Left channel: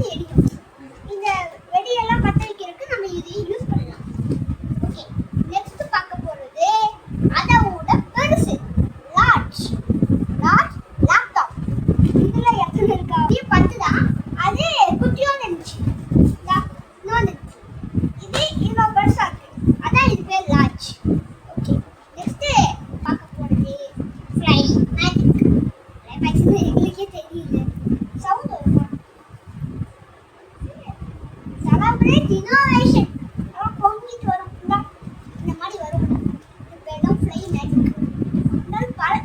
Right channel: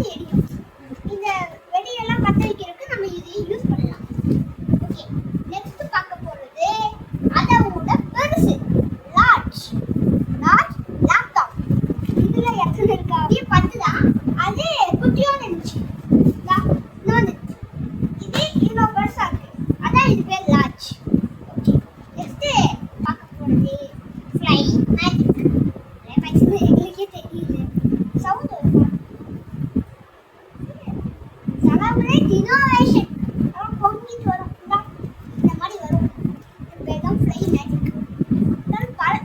வந்து எரியும். இந்த வெடியெல்லாம் பற்ற வைக்கிறதுக்கு நம்ம இதை யூஸ் பண்ணலாம். ஓகே, நெக்ஸ்ட் பார்க்க போறது அதோட பெருசு லார்ஜ் லேப்டாப். இதுல எத்தனை இருக்கா? 10 தான். அது குட்டியோட இருந்துச்சு. இது இவ்வளவு பெருசா இருக்கு. அதான் இது பேர் லார்ஜ். ஓகே, நெக்ஸ்ட் பார்க்க போறது ஃப்ளை மேஜிக். எங்களுக்கே தெரியுது. சவுண்ட் வரும். Celebrate innovation. பொங்கிட்டு வரும். இந்த மாதிரி வரும். இது பேர் தான் ஃப்ளை மேஜிக்.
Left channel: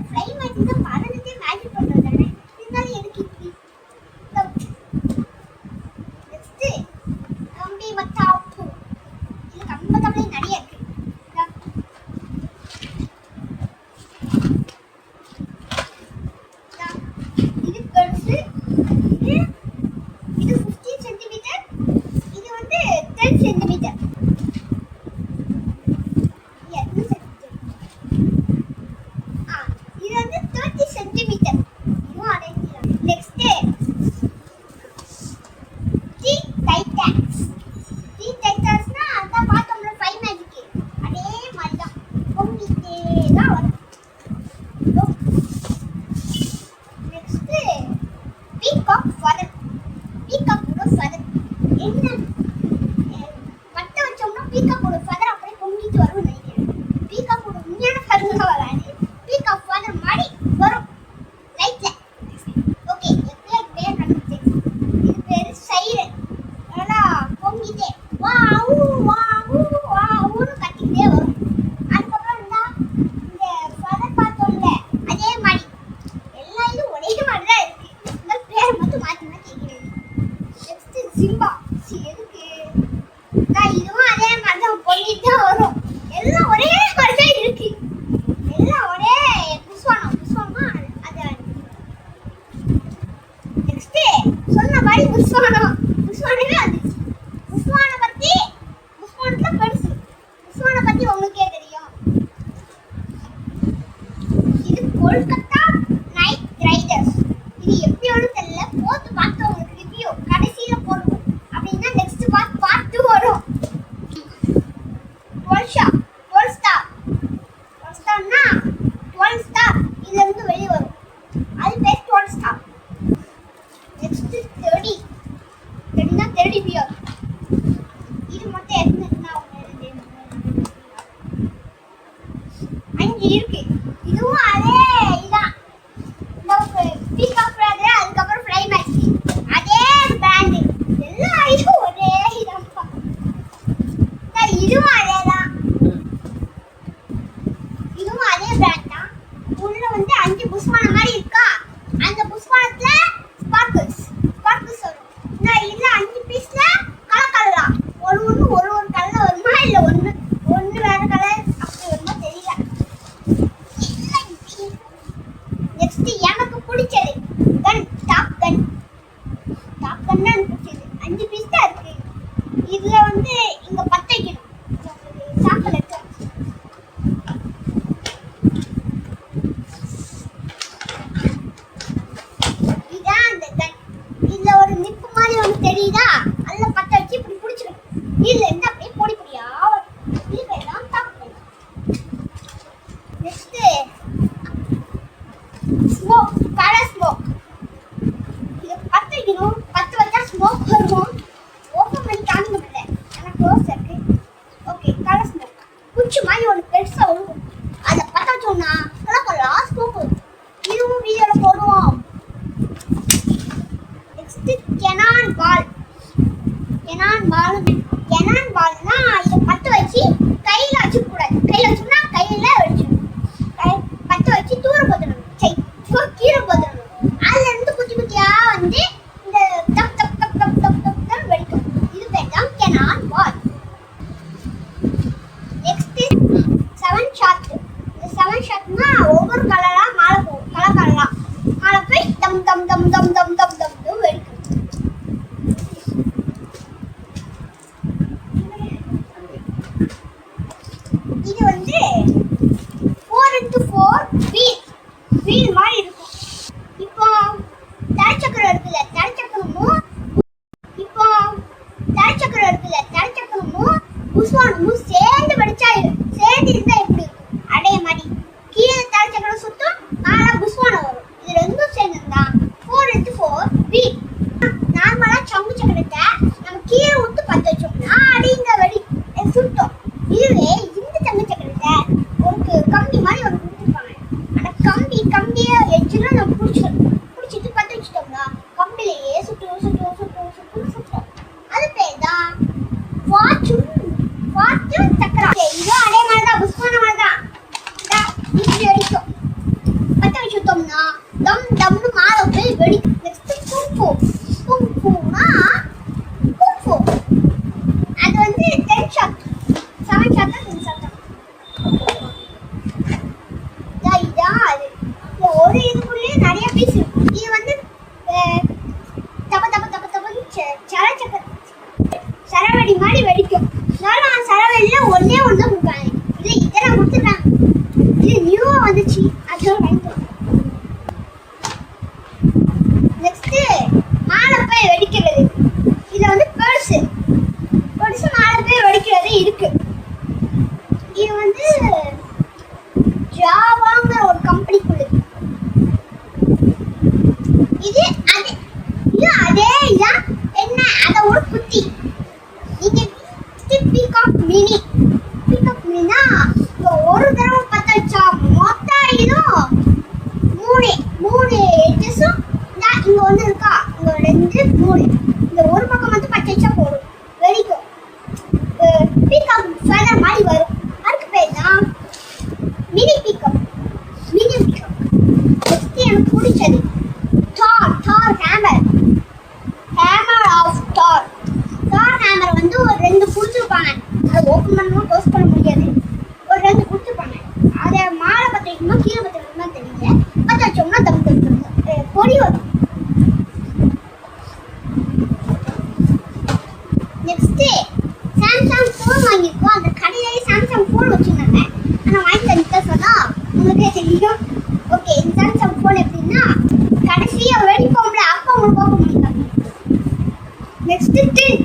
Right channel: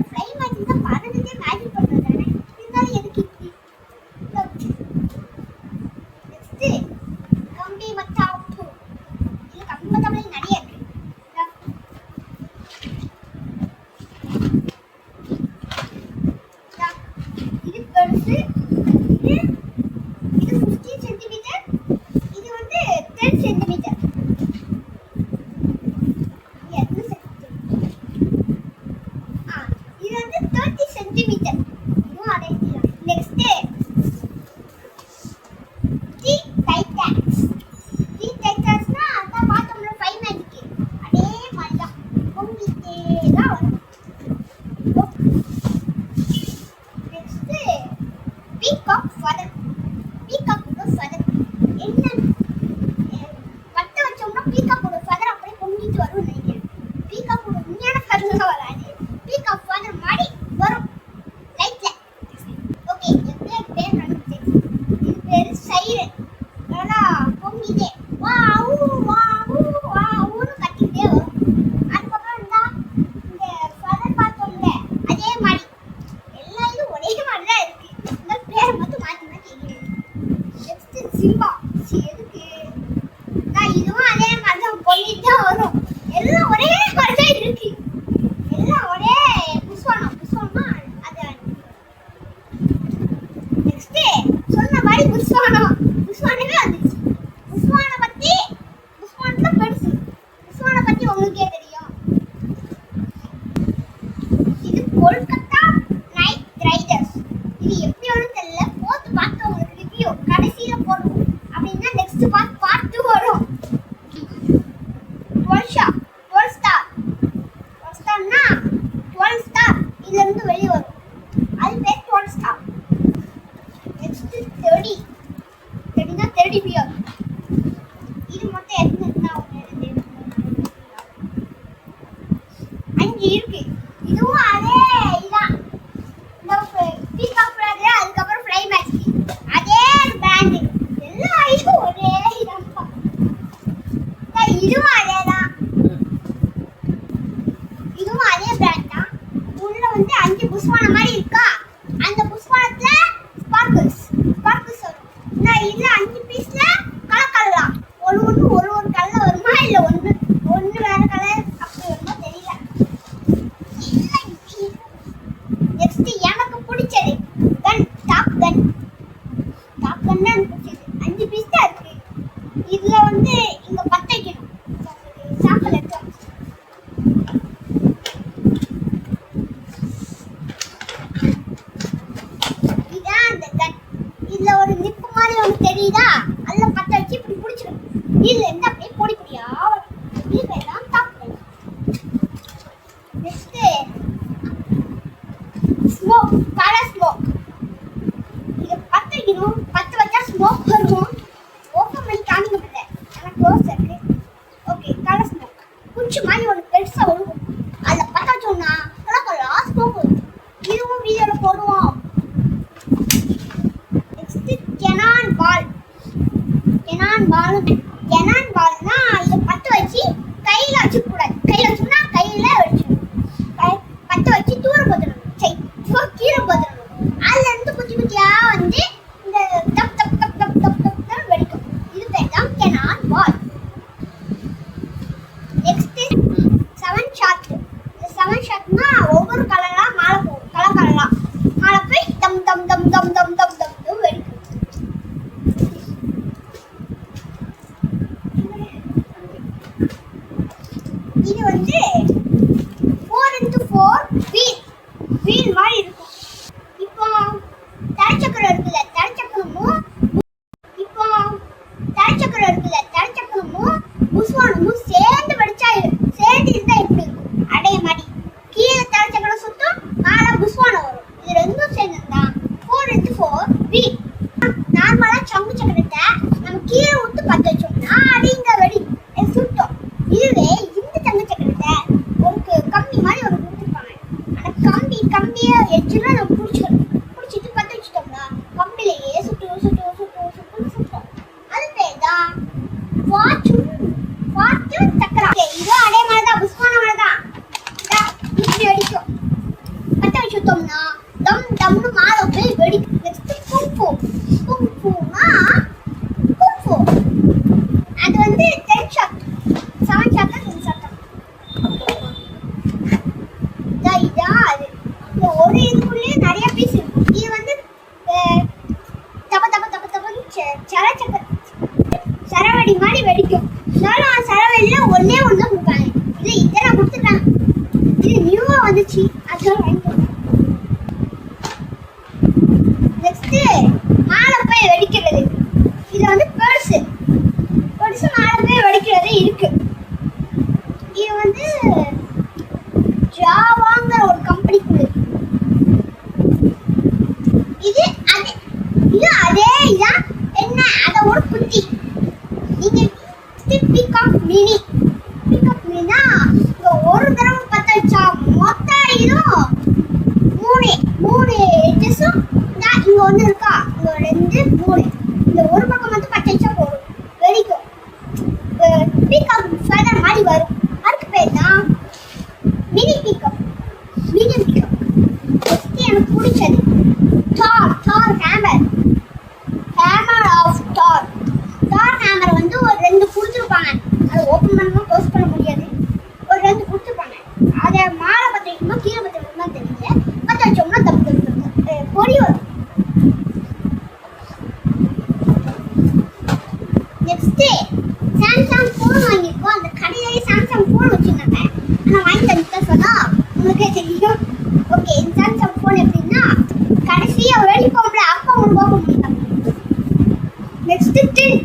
ஃப்ளை மேஜிக் தான் பறந்துட்டே மேஜிக் பண்றது தானே. இருந்தாலும் எதுக்கு இப்படி? நெக்ஸ்ட் கம்பி மத்தாப்பு. இது கம்பி மத்தாப்புல நிறைய இருக்கு. இது பெருசு. இது 15 சென்டிமீட்டர். இது வந்து 10 சென்டிமீட்டர். இது வந்து 30 சென்டிமீட்டர். இதுவும் அதே தான். Next T titans. டி டைட்டான்ஸ்னா அதான் பார்த்தோம்ல ஃபை மேஜிக். அதே மாதிரி தான் பொங்கிட்டே தான் வரும். Next peacock feather. பீகாக்கோட ஃபெதர் என்ன பட்ட வச்சோம்னா பீகாக்கோட ஃபெதர் அப்படியே பொங்கிட்டு வரும்னு நினைக்கிறேன். பீகாக்கோட உண்மையான ஃபெதர் வராது. பீகாக் ஃபெதர் மாதிரி வரும் லைட்ல. ஓகே, என் பேர் கண்டுபிடிச்சேன். இது பேரு சைரன். ஏன்னா பொங்கிட்டே வாவ் வாவ் வாவ்னு கத்திக்கிட்டே வரும். அதுக்கப்புறம் தான் இந்த ஃபெதர் பார்த்தோம்ல அதே மாதிரி எல்லா இதுவும் ஒரே மாதிரி தான் இருக்கு. இந்த பேர் மட்டும் மாற்றி மாற்றி கேட்குறேன். Next Simba. எதுக்கு? இதுவும் அதே மாதிரி தான் பொங்கிட்டு தான் வரும். எல்லாம் ஒரே மாதிரி தான் இருக்கு. எல்லாம் ஒரே புஷ்வானா அது. நெக்ஸ்ட் சொன்ன மாதிரி புஷ்வானமே வந்துச்சு. புஷ்வானத்துல பெருசு. புஷ்வானை பத்தி உங்களுக்கே தெரியும். இது கொல்கத்தா நைட் ரைடர்ஸ். இது எப்படியோன்னு தெரியல. பார்த்து உங்களுக்கு ரிவ்யூ கடைசியில போடுவோம். அப்படின்னா நெக்ஸ்ட் பார்ட் 2 வரும். 12 ஸ்டார். 12 ஸ்டார்னா 12 ஸ்டார் இதுல இருந்து வெளிய வரும். அது பேர் 12 ஸ்டார். Next 30னா 30 pier. இது மட்டும் எத்தனைனா 5 இருக்கு. இதுவும் அதே இதான். இந்த பீகாக் ஃபெதர் அதுக்கப்புறம் ஃப்ளை மேஜிக் அதே பிராண்ட். எல்லா இதுவும் ஒரே இதான். இதுவும் அதே தான். இதுவும் அதே பிராண்ட் தான். உள்ள வந்து 5 புஷ்வான மாதிரி இருக்கா. அந்த புஷ்வானத்துல ஸ்பார்க்கிள்ஸ் வரும். இதுல 5 பீஸ்ல கலக்கலாம். ஒரு கலர் வருமா இல்ல ஒன்னு வேற கலர் அப்படி வருமா தெரியல. நெக்ஸ்ட் எனக்கு பிடிச்சது டாப் கன். எனக்கு பிடிச்சது 5 பீஸ் தான் இருக்கு. இதுல வந்து இங்க பத்த வைக்கணும். சாம்பிள் இருக்கு. இதான் அந்த கன். இதுல ஒரு நிப்பு மாதிரி ஒன்று தெரியுதா? அதுல பத்த வச்சு இப்படி பிடிச்சிடும். இதுல இருந்து அப்படியே பொடியா வரும். இது பேர் தான் top gun. Next smoke. Colour smoke. இது பத்த வைக்கணும். பத்த வச்சா ஸ்மோக் வரும். ஓப்பன் பண்ணி காமிக்க முடியல. எனக்கு க்ளோஸ் இருக்கு. Okay, colour smoke. குச்சி மாதிரி ஒன்று பெருசா வரும். அதில் பத்த வச்சோம்னா கலர் ஸ்மோக் வரும். இதுவும் வீடியோல போடுவோம். நெக்ஸ்ட் கெனான் பால்னா இதை பத்த வச்சு கையில வச்சுக்க கூடாது. கையில வச்சோம்னா கையில வச்சிடணும். பத்த வச்சு தூர போத்துடணும். கீழே போத்துடணும். அதுல இருந்து குட்டியா வந்து இந்த தப் தப் தப் தப் தப் தப் வெடிக்கும். இது பேர் தான் கெனான் பால். Next 7 shot. இந்த 7 ஷாட்னா ஒவ்வொரு கலரா மேல போகும். கலர் மேல போய் தம் தம் தம் தம் தம் தம் தம் வெடிக்கும். இது வந்து 4x4 வீல் மாதிரி இருக்கும். இப்போ தரச்சக்கரம் இருக்குல்ல, தரச்சக்கரமும் சக்கரத்தை நம்ம கீழே விட்டு பற்ற வச்சோம்னா அடிங்க வெடி சுட்டோம். இதுவே இந்த தங்க சக்கரத்தை ஒரு கம்பி மாதிரி ஒரு கொடுத்துருப்பாங்க. அந்த கம்பியை எச்சுலாம் நம்ம பிடிச்சிட்டு பற்ற வச்சுட்டோம்னா கம்பிலேயே சுட்டோம். அது பேர் தான் ஃபார்ச்சூன் சக்கரம். இதுவும் அதே மாதிரி தான், புஷ்பான மாதிரி தான். இப்படி வெடிக்கும். பற்ற வச்சுட்டோம்னா டம்னு மாலை போய் வெடிக்கும். நெக்ஸ்ட் குங்ஃபூனா அது வந்து 10 ஷாட் 7 ஷாட் 10 ஷாட் இதான் அது. இந்த ஒரு இதுக்குள்ளே நிறைய பீஸ் இருக்கும். இது வந்து தப்பன்னு சரவடி மாதிரி வெடிக்கும். இருந்தாலும் சரவடியில ஒன்னே ஒன்று தான் கொடுப்பாங்க. இல்லை இதை நான் கொடுத்துருக்கேன். இது நியூவா வந்துச்சு, அதெல்லாம் வாங்கிக்கலாம். நெக்ஸ்ட் மாலை போய் வெடிக்கிறது. இதுல வந்து பெருசு மாலை போய் வெடிக்கிறது இருக்கு. இது வந்து ஜாவாங்கிற ஒரு கம்பெனிக்குள்ளது. இது அதே இதான். என்ன அத ஒரு குத்தி. நீங்க பிகாக் மினினா ஒரு தடவை பத்த வச்சா மொத்தம் இதுவும் மூணு எட்ஜஸும் இங்க ஒண்ணு இருக்கா, இங்க 2 3 இந்த ஒரு பக்கம் மட்டும் பச்சை வச்சா போதும், வெடிக்கும். பீகாக் ஃபெதர் மாதிரி வரும். அதுக்கு பேர் தான் மினி பீகாக். எனக்கு பிடிச்சது தார் ஹேமர் ஆஃப் தார் ஹேமர் வந்து ஒரு 2 கொடுத்துருப்பாங்க. அதை ஓப்பன் பண்ணவும் க்ளோஸ் பண்ண முடியாது. ஒரு 2 கொடுத்துருப்பாங்க. அதை மாலை பற்ற வைக்கணுமா கீழே பற்ற வைக்கணுமா தெரியல. பற்ற வச்சோம்னா தம் பொடி வரும். நெக்ஸ்ட் சாம்சங் ஃபோன் வாங்கியிருக்கோம். அந்த கடையிலேயே சாம்சங் ஃபோன் வச்சுருந்தாங்க. ஆனால் வாங்கி தந்துட்டு சொன்னா உங்களுக்கே தெரியும். ஓகே, இந்த சாம்சங் ஃபோன் எப்படின்னா கடைசியாக வெடிப்போம்ல, அப்போ உங்களுக்கு ஓப்பன் பண்ணிட்டாங்க. நெக்ஸ்ட் டின்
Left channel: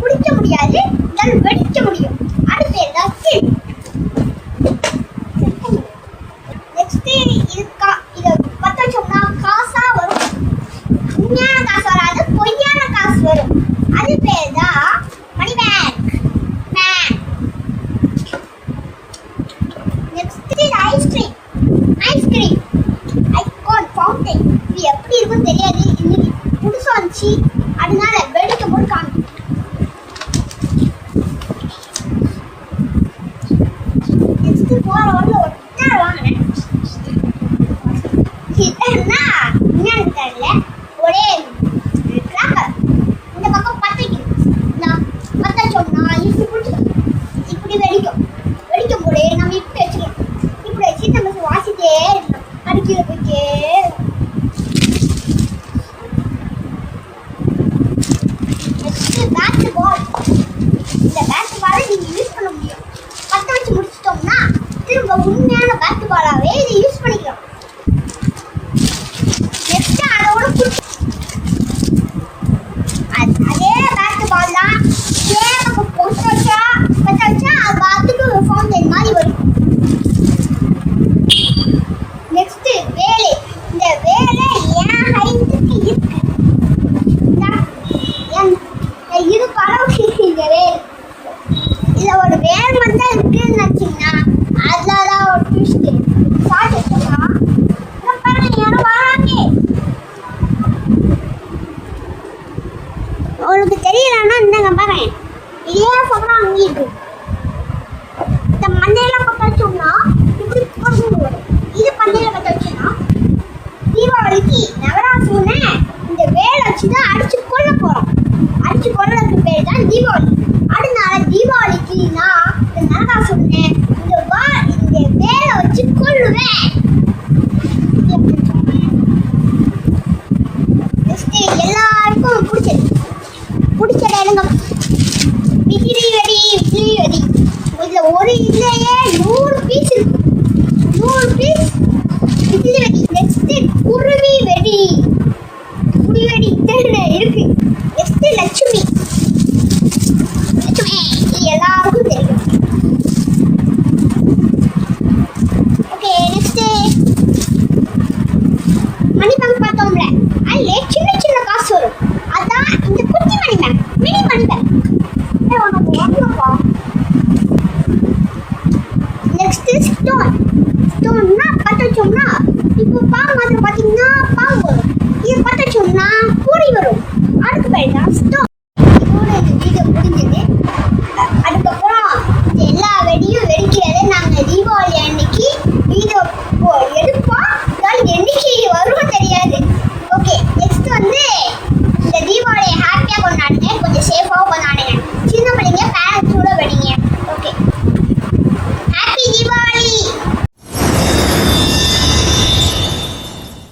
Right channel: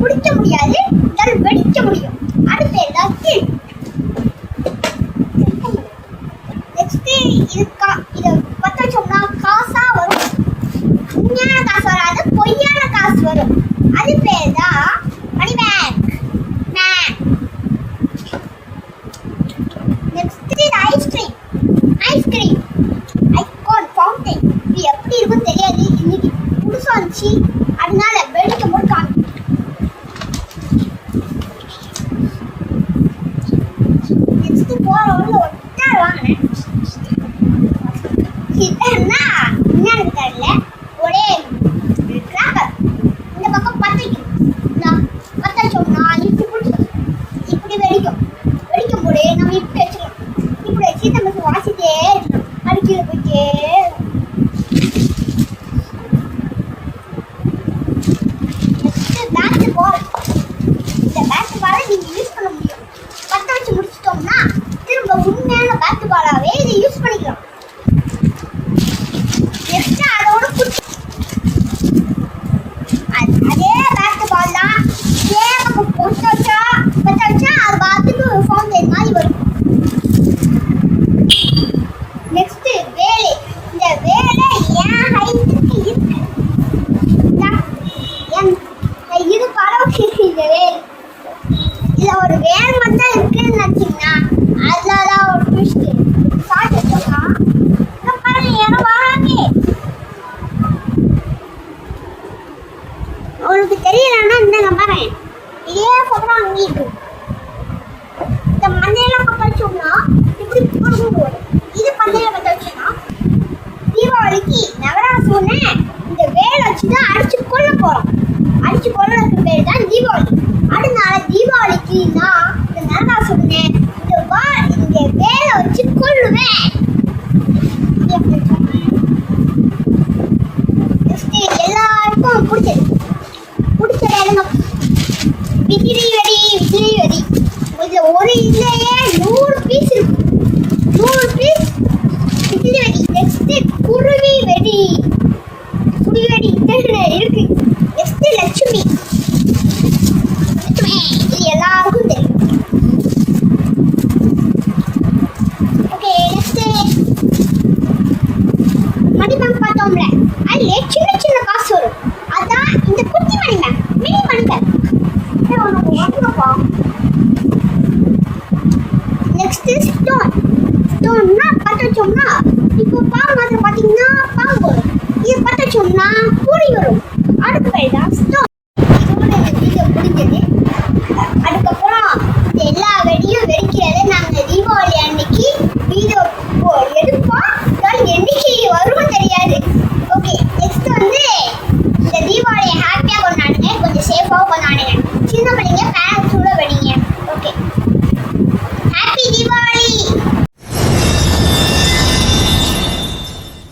குடிக்க முடியாது, இதால் வெடிக்க முடியும். அடுத்து ஏதாச்சும் நெக்ஸ்ட் இதை பற்ற வச்சோம்னா காசா வரும். உண்மையான காசு வராது, பொய்யான காசு வரும். அது பேர் தான் money bag. Next ice cream icon fountain. இது எப்படி இருக்கும் தெரியாது, இன்னைக்கு புதுசா வந்துச்சு, அதனால வெடிக்கும் போது காணும். நெக்ஸ்ட் போற ஒரு ஒட்டார் வாங்கினேன். என்னன்னா என்னன்னு தெரியல, ஒரே கிராக்கர். இந்த பக்கம் பற்ற வைக்கணும். பற்ற வச்சோம்னா இப்படி வெடிக்கும் போது நம்ம இப்படி வச்சுக்கலாம். இப்படி வச்சு நம்ம வாசிட்டே இருக்கணும். அடிக்கல போயிட்டே பேட் பால். இந்த பேட் பாலை நீங்க யூஸ் பண்ண முடியும். பற்ற வச்சு முடிச்சிட்டோம்னா திரும்ப உண்மையான பேட் பாலாவே இதை யூஸ் பண்ணிக்கலாம். நெக்ஸ்ட் அதோட அதே பேட் பால் தான் பற்ற வச்சா அது பார்த்துக்கு ஃபவுண்டைன் மாதிரி வரும். நெக்ஸ்ட் வேலை. இந்த வேலை ஏன் ஹைட்டுக்கு இருக்கு, இது பரவாயில்ல. இந்த வேலை இதுல ஒரு வேலை மட்டும் இருக்குன்னு நினைச்சீங்கன்னா அதுலதான் ஒரு ட்விஸ்ட். ஷார்ட் வச்சோம்னா யாரும் வராங்க. உங்களுக்கு தெரியலன்னா இந்த பாருங்க, இதே சொல்றோம். அங்கே இருக்கு இந்த மண்ணையெல்லாம் பற்ற வச்சோம்னா இப்படி வரும். இது பண்டையில பற்ற வச்சோம்னா தீபாவளிக்கு நவராசூனை இந்த வேலை வச்சுதான் அடிச்சு கொல்ல போறோம். அடிச்சு கொல்றதுக்கு பேர் தான் தீபாவளி. அதனால தீபாவளிக்கு நான் இந்த நரகாசுரனை இந்த வேலை வச்சு கொல்லுவேன். எல்லாருக்கும் பிடிச்சது என்னங்க, விசிறி வெடி. இதுல ஒரு இதுலயே 100 பீஸ் இருக்கு. 100 பீஸ் விசிறி வெடி. நெக்ஸ்ட் குருவி வெடி இருக்கு. நெக்ஸ்ட் லட்சுமி. இது எல்லாருக்கும் தெரியும். ஓகே, நெக்ஸ்ட் மணி பேங்க் பார்த்தோம்ல, அதுல சின்ன காசு வரும். அதான் ஸ்டோன். ஸ்டோன்னா பற்ற வச்சோம்னா இப்போ பாம்பு மாதிரி பார்த்தீங்கன்னா பாம்பு வரும். இது பற்ற வச்சோம்னா பூரி வரும். அதுக்கு பேர் தான் ஸ்டோன். இதோட இந்த வீடியோ முடிஞ்சது. அடுத்த